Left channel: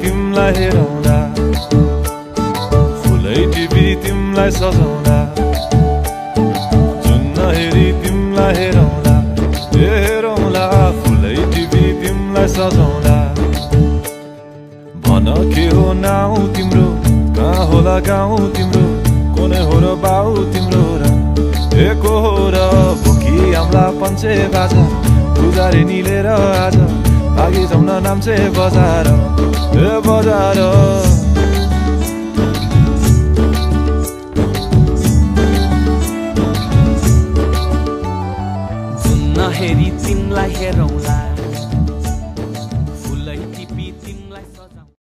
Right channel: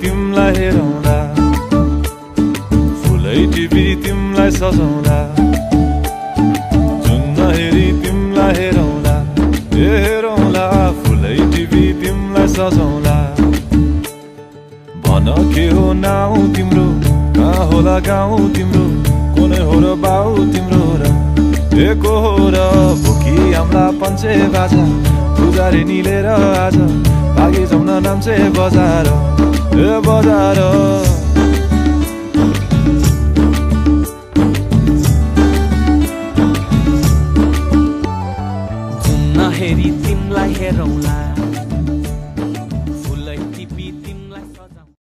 तिमलाई हेरौँला, फुलै टिपी तिमलाई सजाउँला, जुन हेरी तिमलाई हेरौँला, हेरौँला, फुलै टिपी तिमलाई सजाउँला। भन के हो नाउँ तिम्रो, कहाँ होला गाउँ तिम्रो, कुनै हो र बाउ तिम्रो र को हो र भोकी आम्ला पञ्चे बाजा, पुजारी निलेर आज भागी जाउँ न नाम्चे बजार, बजार। जुन नहेरी तिमलाई हेरौँला, फुलै टिपी तिमलाई सजाउँला।